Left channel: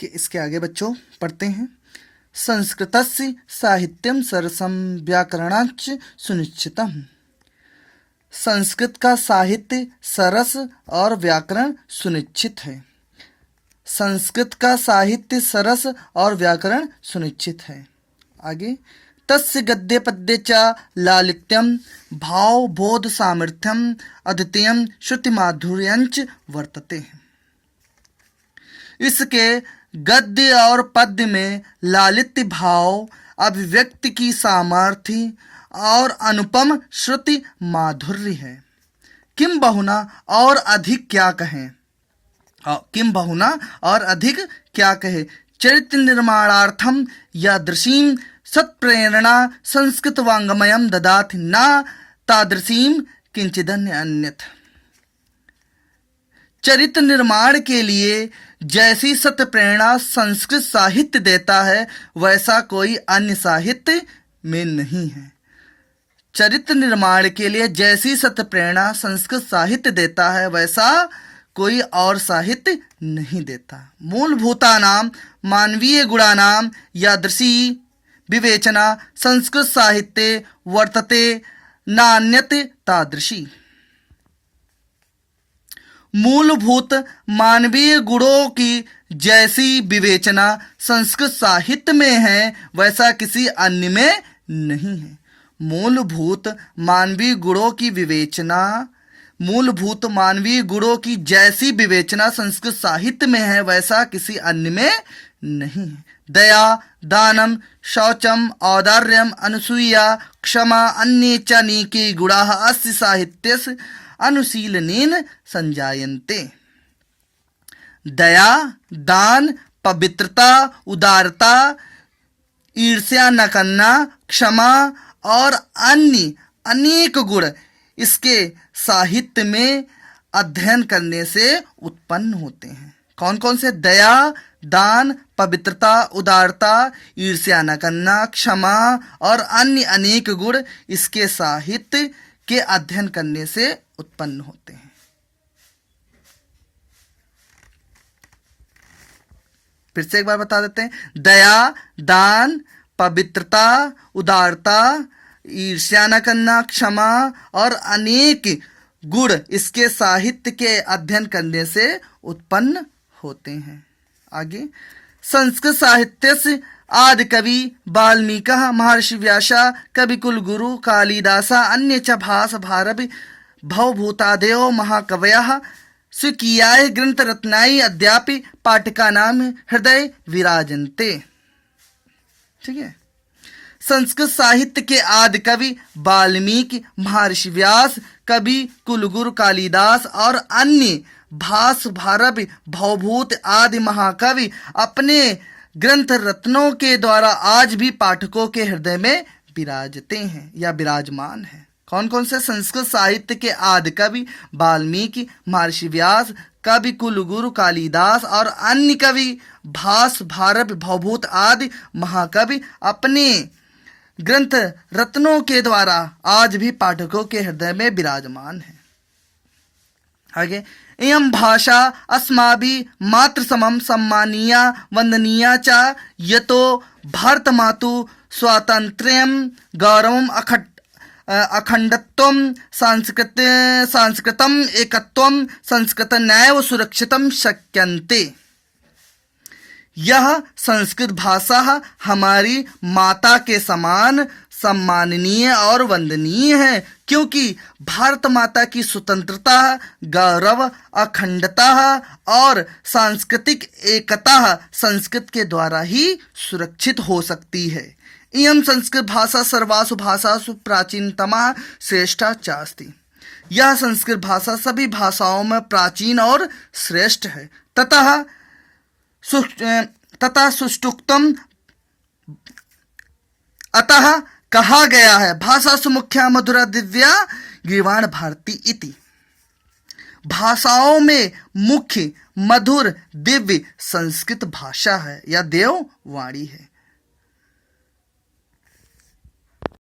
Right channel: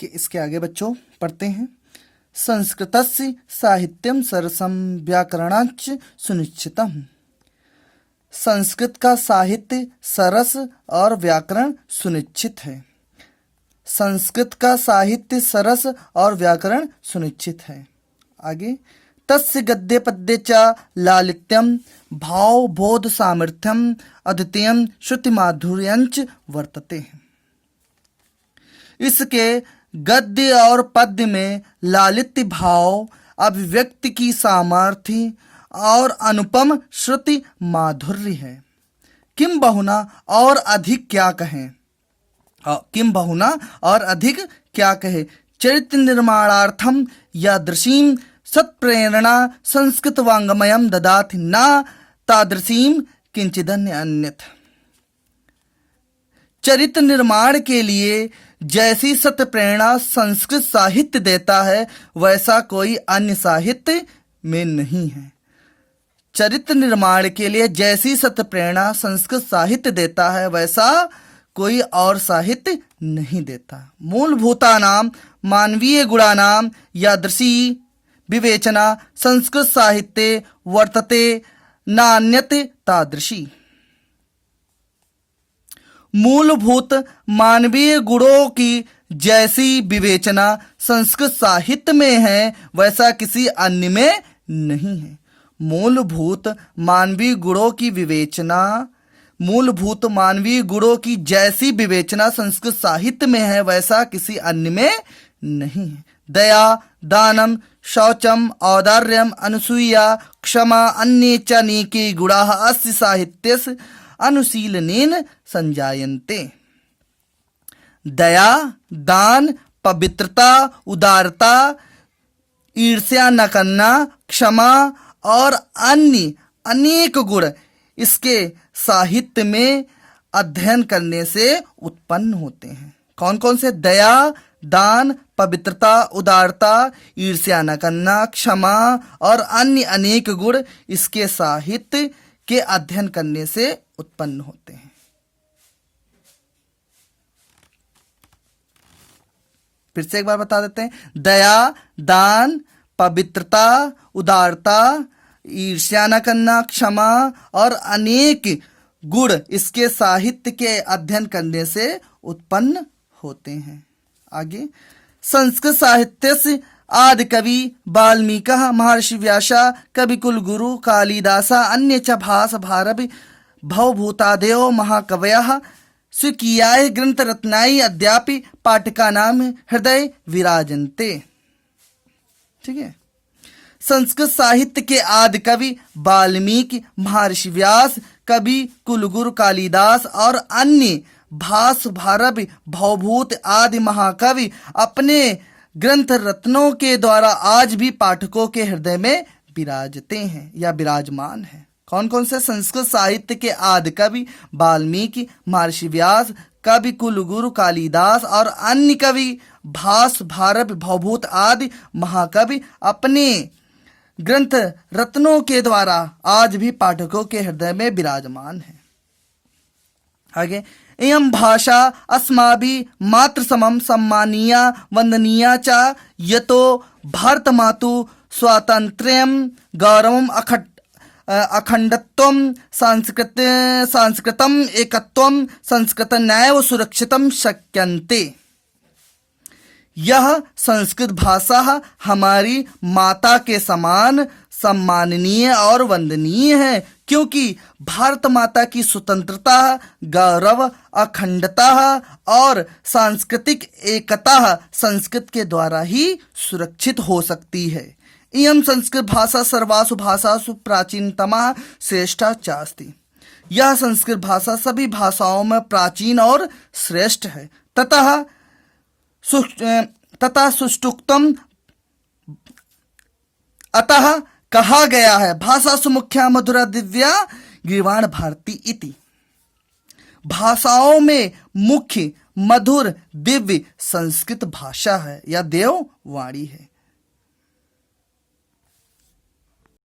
ठीक है, इसके आगे बच्चों पढ़ते हैं। संस्कृतस्य साहित्यम सरसम व्याकरणाच्च सुनिश्चितम्। संस्कृत का साहित्य सरस और व्याकरण सुनिश्चित है। संस्कृत का साहित्य सरस और व्याकरण सुनिश्चित है। आगे, तस्य गद्य पद्य च लालित्यम भाव बोध सामर्थ्यम अद्वितीयम श्रुति माधुर्यंच वर्तते। इसके गद्य और पद्य में लालित्य भाव, अभिव्यक्ति की सामर्थ्य और अनुपम श्रुति माधुर्य है। किम बहुना और अधिक क्या कहें, किम बहुना और अधिक क्या कहे। चरित्र निर्माणार्थम यादृशीम सत्प्रेरणा संस्कृत वाङ्मयम ददाति न तादृशीम किंचिदन्य अन्यथ। चरित्र निर्माण के लिए जैसी सत्य प्रेरणा संस्कृत साहित्य देता है वैसा कोई अन्य साहित्य में नहीं है। चरित्र निर्माण के लिए जैसी सत्य प्रेरणा संस्कृत साहित्य देता है वैसा कोई और साहित्य नहीं देता। मूलभूतानां मानवीय गुणानां यादृशी विवेचना संस्कृत साहित्ये वर्तते नान्यत तादृशी। मूलभूत मानवीय गुणों की जैसी विवेचना संस्कृत साहित्य में है वैसा किसी अन्य में नहीं है। मूलभूत मानवीय गुणों की विवेचना, मूलभूत मानवीय गुणों की जैसी विवेचना संस्कृत साहित्य में है वैसा किसी अन्य में नहीं है। दया, दानम, शौचम, औदार्यम, अनुसूया, क्षमा अन्ये च अनेके गुणाः अस्य साहित्यस्य अनुशीलनेन संजायन्ते। दया, दान, पवित्रता, उदारता, ईर्ष्या न करना, क्षमा और अन्य अनेक गुण इसके साहित्य में अध्ययन करने से उत्पन्न होते हैं। कौन कौन से? दया, दान, पवित्रता, उदारता, ईर्ष्या न करना, क्षमा और अन्य अनेक गुण इसके साहित्य के अध्ययन करने से उत्पन्न होते हैं। फिर से एक बार बता देते हैं। दया, दान, पवित्रता, उदारता, ईर्ष्या न करना, क्षमा और अनेक गुण इसके साहित्य के अध्ययन करने से उत्पन्न होते हैं। आगे, संस्कृत साहित्य से आदि कवि वाल्मीकि, महर्षि व्यासा, कवि कुलगुरु कालिदासा, अन्य च भास भारवि भवभूतादयो महाकवयः स्वकीयाय ग्रंथरत्नाय अद्यापि पाठकानां हृदय विराजन्ते। ठीक है। संस्कृत साहित्य के आदि कवि वाल्मीकि, महर्षि व्यास, कवि कुलगुरु कालिदास और अन्य भास भारवि भवभूत आदि महाकवि अपने ग्रंथ रत्नों के द्वारा आज भी पाठकों के हृदय में विराजते हैं या विराजमान हैं। कौन कौन से? संस्कृत साहित्य के आदि कवि वाल्मीकि, महर्षि व्यास, कवि कुलगुरु कालिदास और अन्य कवि भास भारवि भवभूत आदि महाकवि अपने ग्रंथ रत्नों के द्वारा आज भी पाठकों के हृदय में विराजमान है। आगे, इयं भाषा अस्माभिः मातृ समं सम्मानीया वंदनीया च यतो भारतमातु स्वातंत्र्यं गौरवम् अखंडत्वं सांस्कृतम् एकत्वं संस्कृत नैव सुरक्षितं शक्यन्ते। यह संस्कृत भाषा हमारी माता के समान सम्माननीय और वंदनीय है, क्योंकि भारत माता की स्वतंत्रता, गौरव, अखंडता और सांस्कृतिक एकता संस्कृत के द्वारा ही सुरक्षित हो सकती है। इयं संस्कृत भाषा सर्वासु भाषासु प्राचीनतमा श्रेष्ठा चास्ति। यह संस्कृत भाषा सभी भाषाओं में प्राचीन और श्रेष्ठ है। तथा सुष्ठुक्तम, अतः कहा गया है भाषासु मुख्या मधुरा दिव्या गीर्वाण भारती इति। भाषाओं में मुख्य मधुर दिव्य संस्कृत भाषा है या देववाणी है।